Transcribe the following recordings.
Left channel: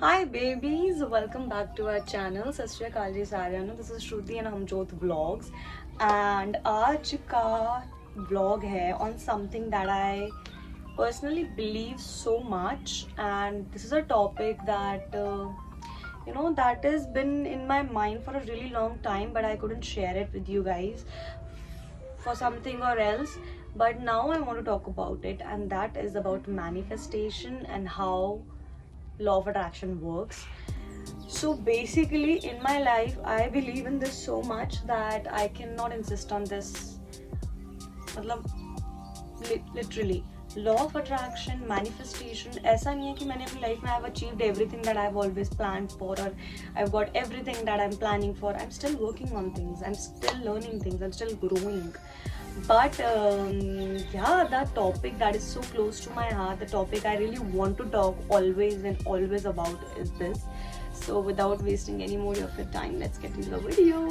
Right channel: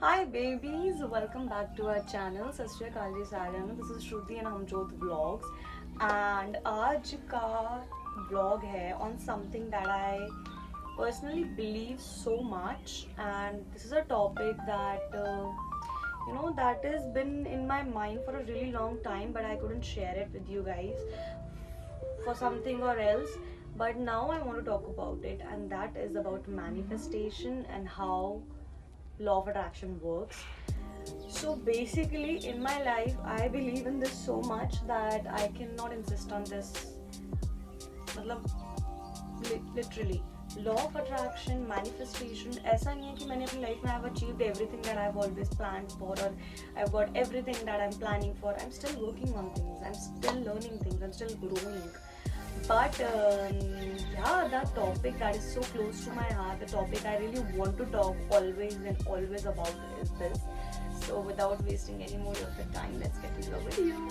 Hi babies, welcome back to our channel. सत श्री अकाल जी सारिਆਂ ਨੂੰ. This is Shruti and Hamjot Vlogs and आज का vlog है on something that I personally believe so much, and this is a topic that that has been in my mind for a really long time, but I couldn't share it with you guys for something or else. But now I want to talk about it, and that is about manifestation and how law of attraction works. So basically in my life I believe in this so much that I cannot insist on this. मतलब literally law of attraction, manifestation, ऐसा नहीं है कि मैंने अपनी life में I've achieved everything that I've always planned for, or I've got everything that I'm planning for. I'm still working on things, I'm still learning things, I'm still growing. But the topic that is so close to my heart, the topic I really want to talk always and always about is this. So without wasting any more of your time, let's get into the video.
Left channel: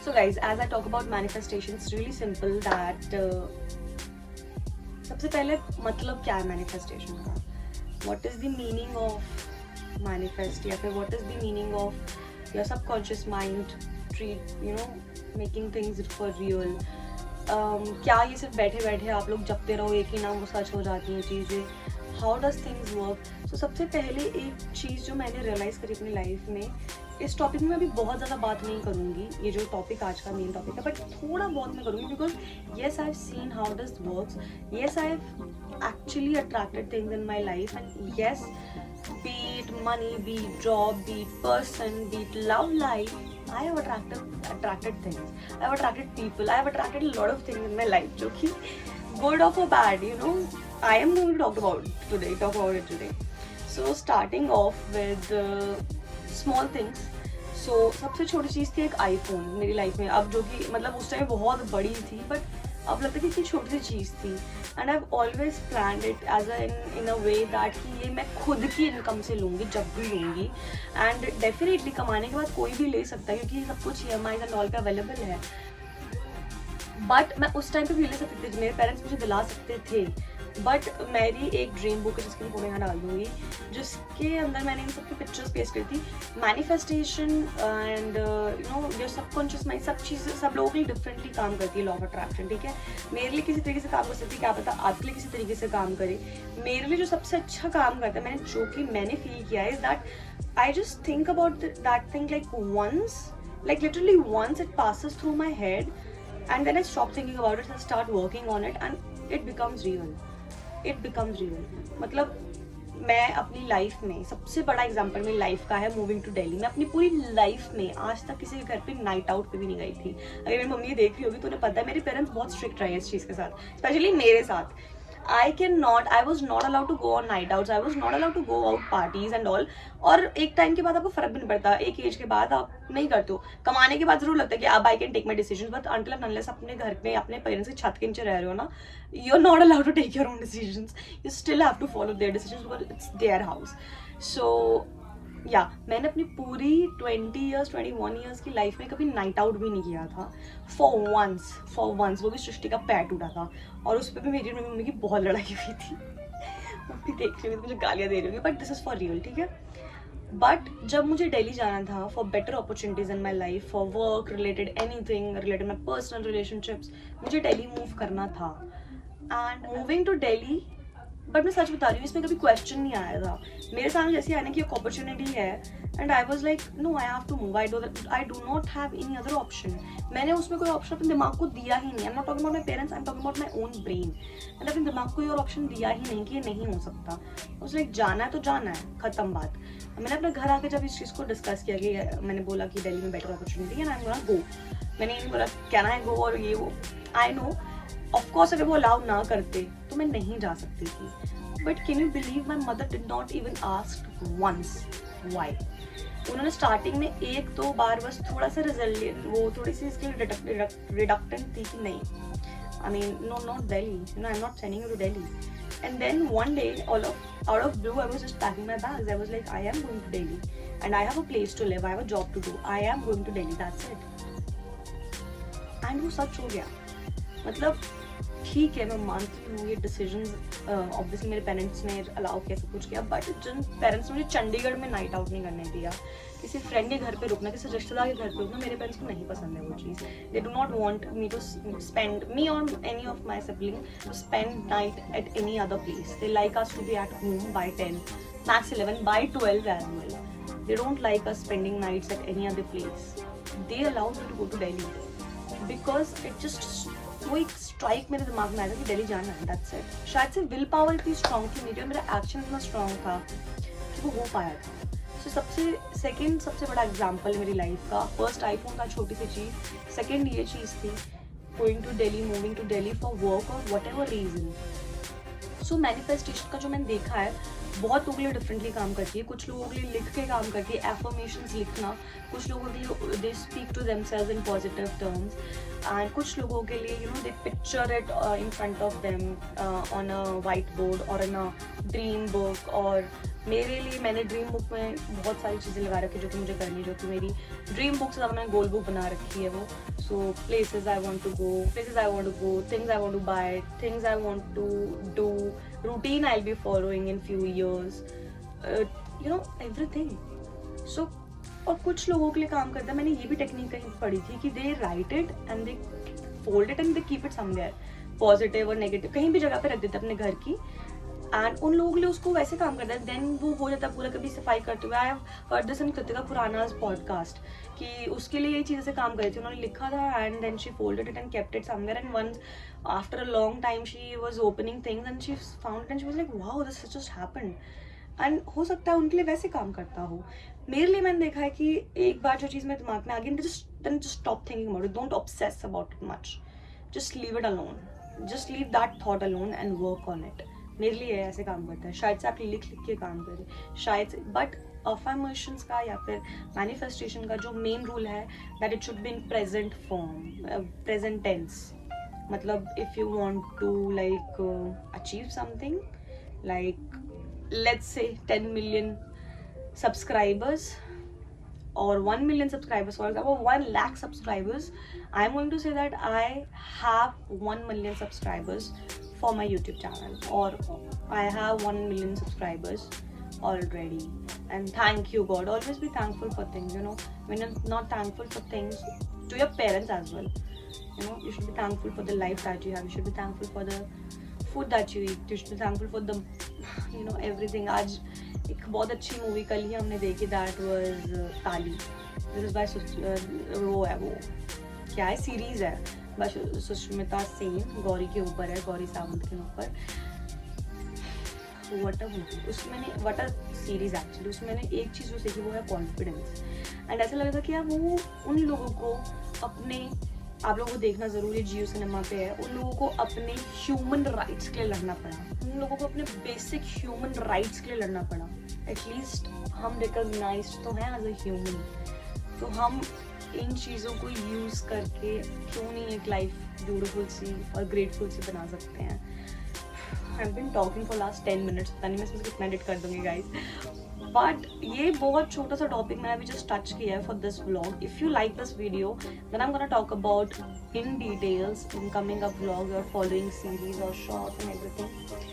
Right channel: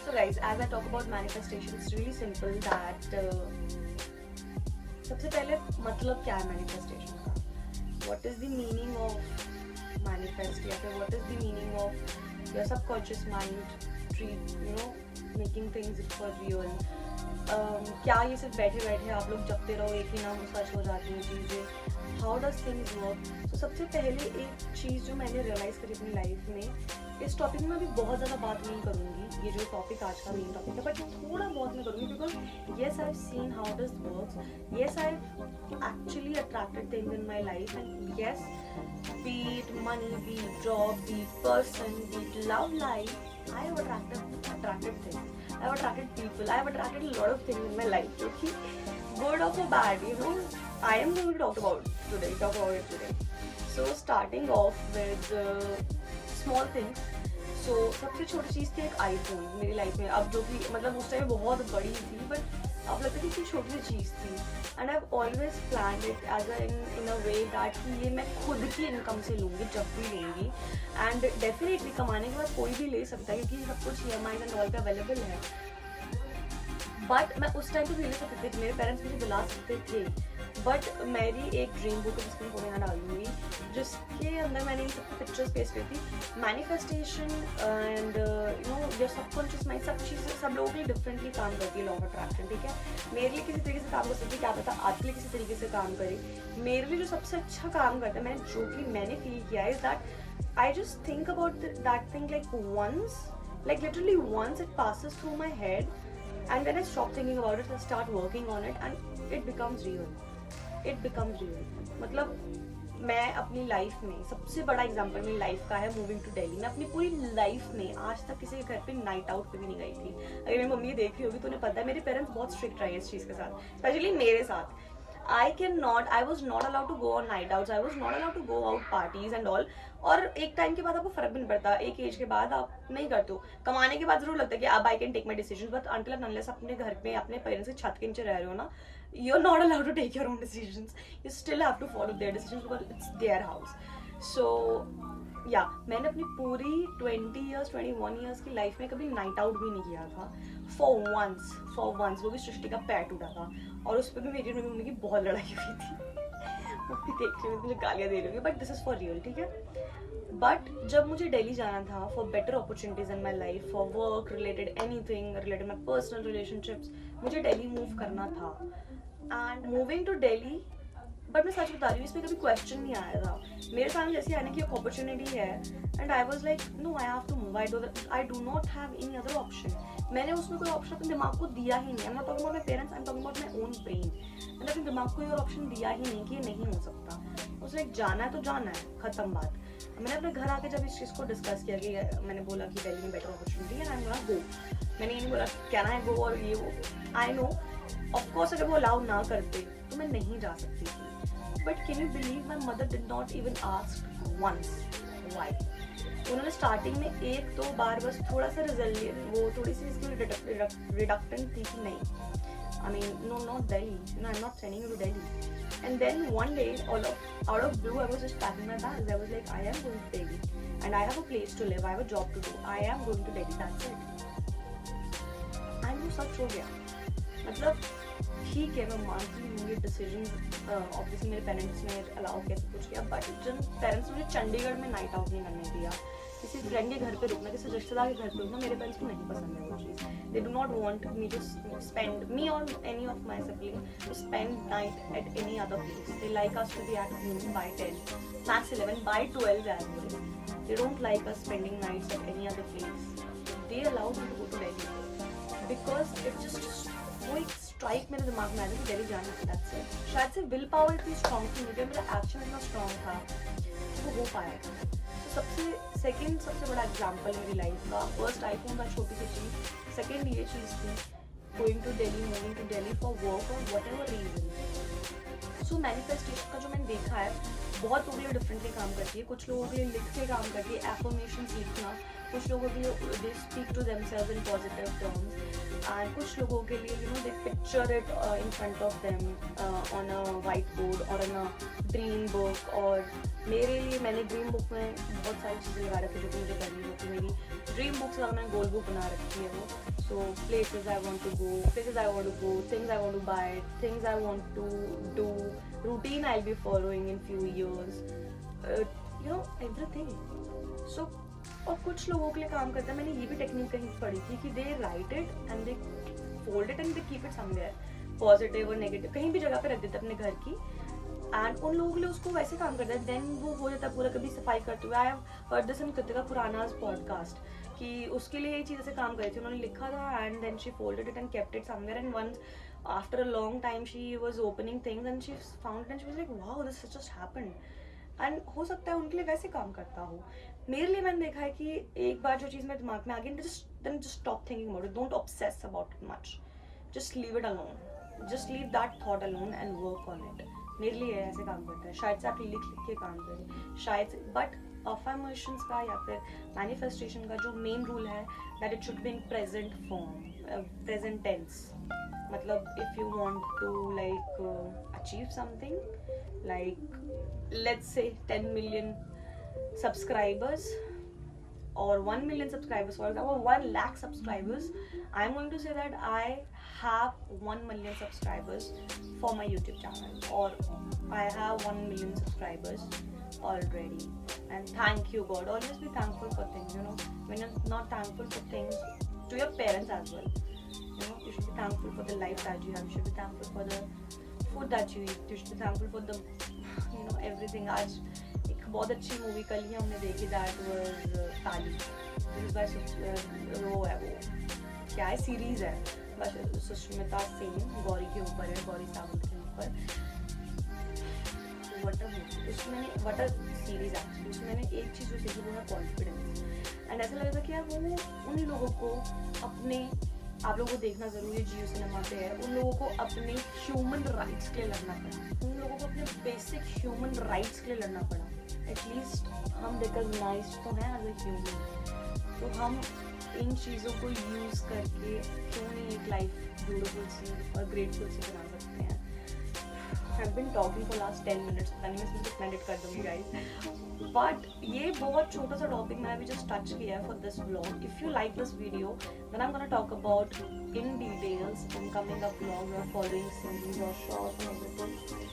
So guys, as I talk about manifestation, it's really simple that सबसे पहले मतलब क्या है manifestation का? What is the meaning of manifest, या फिर what is the meaning of your subconscious mind making things for real? क्या ये सिर्फ बैठे बैठे आप लोग जपते रहो एक ही ना वो सच हो जाती हैं चीज़ें? How does things work? तो सबसे पहले एक चीज़ जो मैंने रियलाइज़ करी अपनी लाइफ में, इस टॉपिक में अभी बहुत ज़्यादा बात नहीं करूँगी, ये जो टॉपिक आज का मेन टॉपिक है, बट थोड़ा बहुत मैं करूँगी because yes I have seen how does works, yes I have actually attracted things in my life, and yes be it money, be it job, be it person, be it love life, I have attracted things. I have attracted people. I have attracted a lot of things in my life, जो कि good or for bad, I am going to talk about it today. So starting off with small things. So सबसे छोटी चीज़ थी एक iPhone मेरी life में, अब जो कि मतलब उस टाइम बहुत बड़ी थी, बट अब लगता है कि इतनी छोटी सी चीज़ थी. And I have always planned it as in a way that कि ये मैं खुद की इनकम से लूँगी जब भी लूँगी, एंड डेफिनेटली कमाने के बाद कोई भी ले सकता है क्योंकि सब कुछ EMI एंड ऑल पे अवेलेबल है. बट मैं उस टाइम पे भी ले सकती थी, मेरे पेरेंट्स मुझे दिला सकते थे, बट मेरी एक ड्रीम बुक है जिसकी मैं फोटो यहाँ डाल दूँगी, जिसके अंदर मैंने इन सबकी पिक्चर्स पेस्ट करी थी. Manifestation and your subconscious mind, सब चीज़ें सब लोगों के लिए डिफरेंटली काम करती है लॉ ऑफ अट्रैक्शन. ठीक है, मेरे लिए किसी तरीके से काम कर सकती है, क्या पता आपके लिए किसी तरीके से काम करे. मेरे लिए जो सबसे अच्छा काम करता है, मैंने फील किया है, is that I just think about that thing like once, like literally once it passes through my head, and then I stop thinking about it and start working on it, and it becomes real. मतलब मैं अपनी life में सबसे बड़ा example मेरी life का है moving to Delhi. मैं अपनी पूरी लाइफ में आज तक किसी के घर पे नाइट आउट पे भी नहीं गई थी. अगर मेरी मम्मी देख रही होगी तो उन्हें पता है मेरे पेरेंट्स बहुत स्ट्रिक्ट रहे इस चीज़ के साथ, स्पेशली मेरे साथ. I was not allowed to go on night outs, I was not allowed to go out parties and all. और एक टाइम के बाद आपको फर्क भी नहीं पड़ता, एक एज के बाद आप नहीं करते हो. कमाने के बाद जरूर लगता है कि अब I can take my decision, but until and unless अपने घर पे अपने पेरेंट्स की छत के नीचे रह रहे हो ना, you are not allowed to take your own decisions. You still have to follow their decisions because it's their house. So मैंने अपनी पूरी 21 ईयर्स की लाइफ में कभी नाइट आउट भी नहीं किया था. फॉर वंस वो भी सृष्टि का पैर टूटा था, और उस पर भी मेरी मम्मी की बहुत लड़ाई हुई थी. मम्मी देख रही हुई मुझे गालियाँ दे रही होगी, but this is for real. ठीक है, बट जब मुझे दिल्ली जाना था for better opportunities in my life, for work related, anything related my personal relationships, मुझे दिल्ली मूव करना था. And moving to Delhi, but मैं सच बता रही हूँ, इसमें कभी क्वेश्चन नहीं आया था मेरे सामने जैसे आने की एक अपॉर्चुनिटी है, and I was like no, I have to move, I do not have any other option. मैंने उसमें कोई ऑप्शन अपने दिमाग को दिया ही नहीं. आई am not talking about my parents, I am talking about my own brain. मैंने अपने दिमाग को कोई और ऑप्शन दिया ही नहीं कि ये नहीं हो सकता. उस लाइक जाना है तो जाना है, खत्म बात. मैंने अपने घर आके जब इस चीज़ को डिस्कस किया कि मैंने बोला कि दिल्ली में बेटर अपॉर्चुनिटी है, आई एम गोना गो. मैंने ये नहीं बोला कैन आई गो और ये वो. आई नो ऑफकोर्स अगर वो अलाउ ना करते तो मैं नहीं जा सकती थी. But can you believe my mother did not even ask once why. उन्होंने स्टार्टिंग में एक दो बार बस थोड़ा सा रिजल्ट, वो थोड़ी सी इसकी रिडक्टेंट थी कि नहीं, I mean no not Delhi, I am not sending you to Delhi. And then one day, out of blue, I was just packing my bags. I was like, I am going to Delhi, and I have a place to live. I have a job to do. I am going to Delhi. That's it. And वो सच हो गया. मतलब ठीक है, मैं मानती हूँ ये डिसीजन ऑब्वियसली मेरे पेरेंट्स ने अलाउ किया, सब कुछ किया, बट जिन पेरेंट्स ने मुझे चंडीगढ़ में नाइट आउट नहीं करने दिया, किसी फ्रेंड के घर पे रुकना, किसी रिश्तेदार के घर पे रुकना, मेरे पेरेंट्स को नहीं पसंद है वो चीज़. They do not want me to spend, me और any of my sibling to spend night at any other place. They like us to be at home by 10, max 11, by 12 as well. They don't like us spending nights at any other place. They allow me to go to Delhi because it just वो एक strike मेरे दिमाग में आया था कि दिल्ली जाना है. That's it. शायद से विल पावर इतनी स्ट्रॉन्ग थी मेरी और मेरा एक्शन इतना स्ट्रॉन्ग था कि वो हो पाया था. तो सबसे बड़ा एग्जाम्पल मेरी लाइफ का, फर्स्ट आईफोन का छोटी सी चीज़, सेकेंड ये चीज़ थी going to Delhi, moving to Delhi for work और whatever reason. So manifestation का जो मैंने देखा है बहुत लोगों के लिए डिफरेंटली काम करती है. कुछ लोगों के लिए लिख के काम करती है, एफर्मेशंस लिखना. कुछ लोगों के लिए they speak to themselves in positive terms, and कुछ लोगों के लिए you know they picture it in front of them on a white board और इन अ ड्रीम बुक. और मेरे लिए मैंने ड्रीम बुक में बहुत सारी चीज़ें लगा रखी जो कि मुझे करनी, जो कि मेरी ड्रीम बुक से ज़्यादा मैंने गोल बुक बना रखी है वो. So places I want to go, things I want to buy, things I want to do, routine I'll be following in few years, you know everything. So और कुछ लोगों के लिए काम करता है, मैंने ये भी टेक्निक कहीं पढ़ी थी कि they write it and they fold it and they keep it somewhere, positive और नेगेटिव कहीं भी जगह पे रख देते अपने घर की. एंड उन लोगों के लिए उसको वैसे काम करता है, देन वो हो जाता है पूरा. कभी सफाई करते हुए I have heard this in Kritika Khurana's podcast कि उसके लिए यही चीज़ से काम करी थी. उन्होंने लिखा था and then she folded it and kept it somewhere, and once after a long time she was opening things and she found it and she was like wow this just happened. and हो सकता है उनके लिए वैसे काम करता हो. मेरे लिए मैंने देखा है कि एक बार जो चीज़ मेरे दिमाग में आ गई, then just stop thinking about it, don't obsess about it much, just leave it alone, just leave that thought alone and work on it. मेरे लिए ऐसे काम करता है. शायद से आप लिख के काम करें, शायद से, बट अफर्मेशंस का या फिर मैनिफेस्टेशन का जो मेन रूल है that it should be in present form, present tense. मतलब if you want to like achieve something like let's say 10 million subscribers or 1 million subscribers, for example 1 lakh subscribers, I'm going to say that I have 1 million subscribers for my YouTube channel, or I have 1 million subscribers already. And thank you God, always be thankful for things, you know. When you're not thankful for things, to your parents as well, you know, you should be thankful for the life that you have, you should be thankful for the food that you eat, you should be thankful for the you know everything. आज एक बहुत अच्छी movie कल ही हमने देखी, that was ताली. This is by वो है, वो क्या है, सीरीज है, बस सुष्मिता सेन, गौरी के ऊपर है, गौरी सावंत के ऊपर. वट अ मूवी, उसमें मैंने वट अ सीरीज एक्चुअली, उसमें मैंने एक चीज़ जो सीखी वो है कॉन्फिडेंस. एंड ऐसा लगा था कि यार वो उन लोगों को अपने, आप लोगों को देखना ज़रूरी है, जियो सिनेमा पे है, उन लोगों को अपने ह्यूमन राइट्स के लिए लड़ना पड़ा, उन लोगों को अपने बेसिक ह्यूमन राइट्स के लिए लड़ना पड़ा. एटलीस्ट हम रिकॉग्नाइज तो हैं एज अ ह्यूमन, तो हम इन चीज़ों को यूज़ करके क्यों नहीं एक लाइफ ब्यूटीफुल सी और ग्रेटफुल सी बना सकते हैं. I've been talking for last 10 minutes, पता नहीं मैं इसमें कितना एडिट कर दूँगी guys. बट ये बहुत छोटा सा टॉपिक मैंने अभी जस्ट टच किया है for this vlog. If you like this video then I am gonna talk about in details in coming up vlog और फॉलोइंग सीरीज और shorts and everything.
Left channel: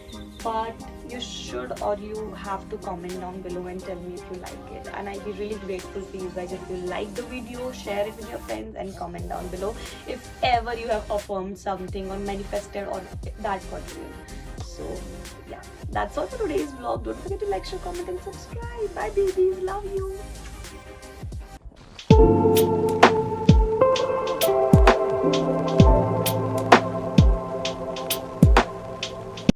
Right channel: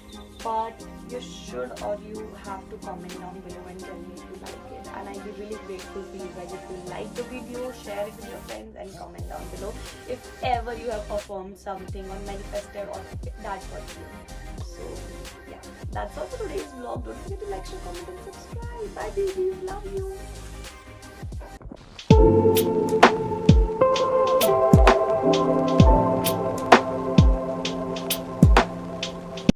But you should, or you have to comment down below and tell me if you like it, and I'll be really grateful for you guys if you like the video, share it with your friends and comment down below if ever you have affirmed something or manifested or that what you. So yeah, that's all for today's vlog. Don't forget to like, share, comment and subscribe. Bye babies, love you.